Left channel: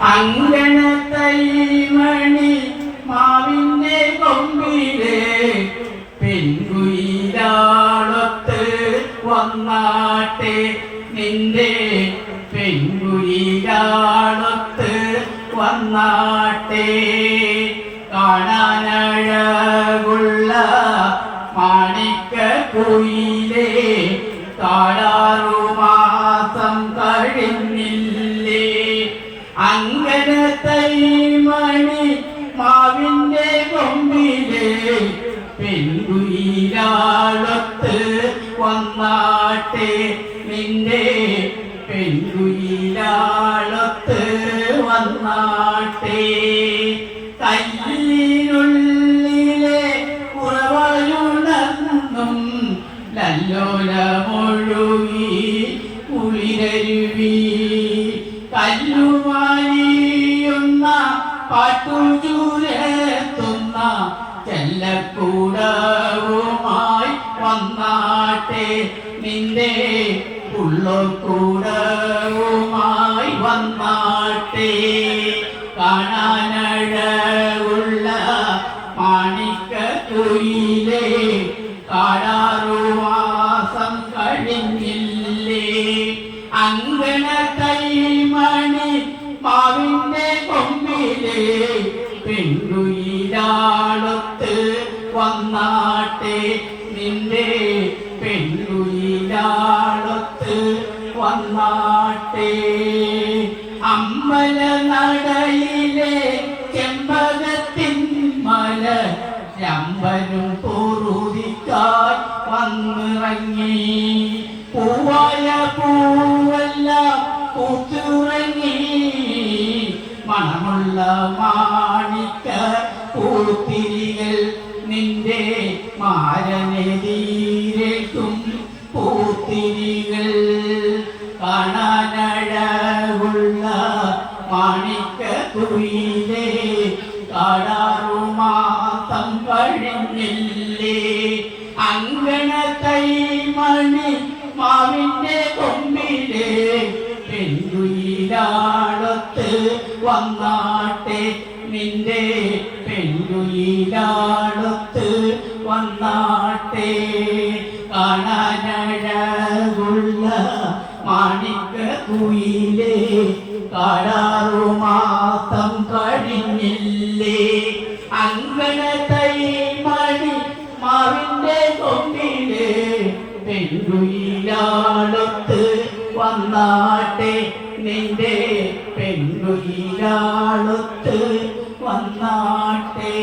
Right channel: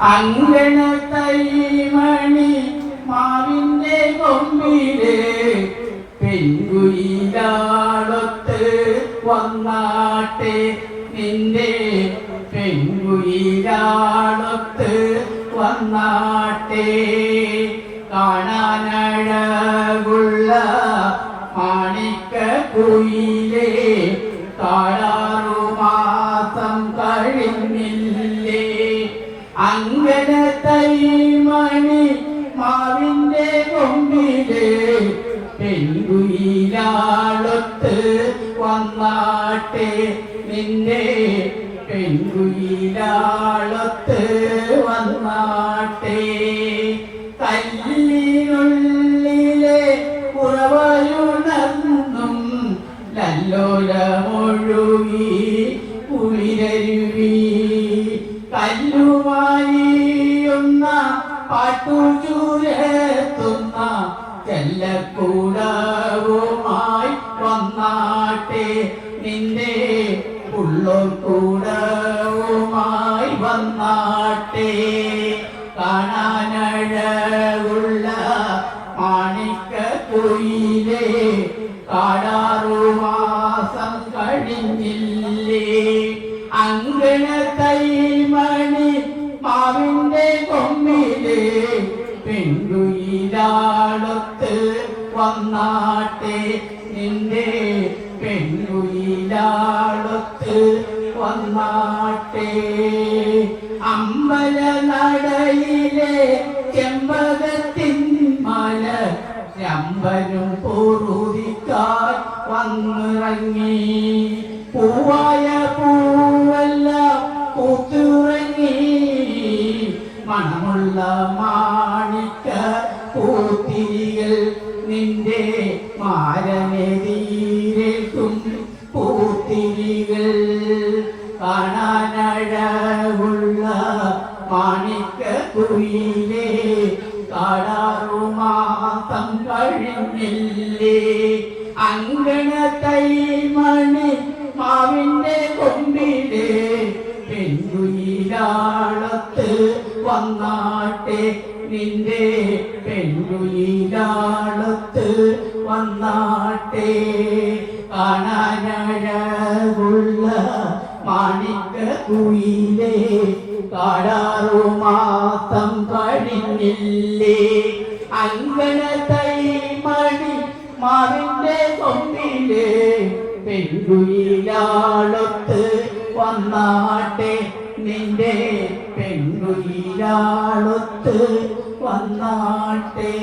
അങ്കണത്തൈമണി മാവിന്റെ കൊമ്പിലെ പെൺകുയിലാളൊത്ത് വന്നാട്ടെ. നിന്റെ പെൺകുയിലാളൊത്ത് വന്നാട്ടെ. കാണാനഴകുള്ള മാണിക്ക കുയിലേ കാടാറു മാസം കഴിഞ്ഞില്ലേ. അങ്കന തൈമണി മാവിന്റെ കൊമ്പിലെ പെൺകുയിലാളൊത്ത് വന്നാട്ടെ നിന്റെ പെൺകുയിലാളൊത്ത് വന്നാട്ടെ. കല്ലിനുള്ളിലെ കുറവയുണർന്നും ലല്ലോലമൊഴുകി കുളിരരുവി നിന്റെ ഉള്ളോർക്കൂടവുമായി വന്നാട്ടെ. കാണാനഴകുള്ള മാണിക്ക കുയിലേ കാടാറു മാസം കഴിഞ്ഞില്ലേ. അങ്കണ കൈമണി മാവിന്റെ കൊമ്പിലേ പെൺകുയിലാളൊത്ത് വന്നാട്ടെ. നിന്റെ പെൺകുയിലാളൊത്ത് വന്നാട്ടെ. അമ്പല നടയിലെ ചെമ്പകത്തിൻ മല രമ്പനും പൂറുതിക്കാൽ വന്നിറങ്ങി. പൂവായ പൂവല്ല പൂത്തുറങ്ങി. മണമുള്ള മാണിക്ക പൂത്തിരികൾ നിന്റെ മാരനെതിരേക്കും കഴിഞ്ഞില്ലേ അങ്കണ തൈമണി മാവിന്റെ കൊമ്പിലെ പെൺകുയിലാളത്ത് വന്നാട്ടെ. നിന്റെ പെൺകുയിലാളത്ത് വന്നാട്ടെ. കാണാനഴകുള്ള മാണിക്ക കുയിലേ കാടാറു മാസം കഴിഞ്ഞില്ലേ? അങ്കണ തൈമണി വന്നാട്ടെ നിന്റെ പെൺകുയിലാളത്ത് വന്നാട്ടെ.